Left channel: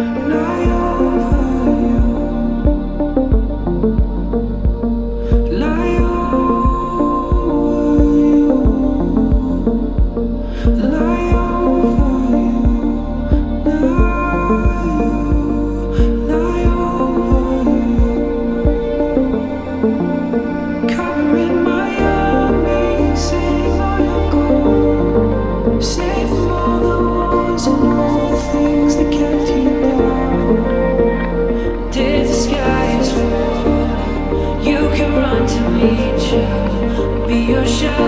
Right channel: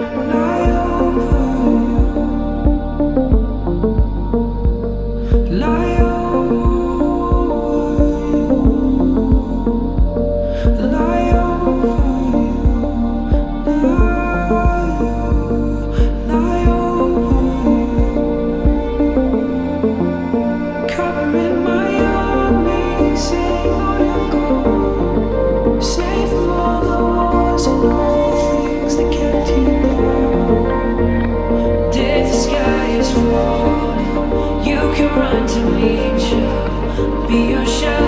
lie over you, lie over you, lie over you, lie over you, covering my armies, saying all your gold, save from all the wars and all the things that kept you down. And if the sky is falling, you can run to me, child. I'll be your shelter.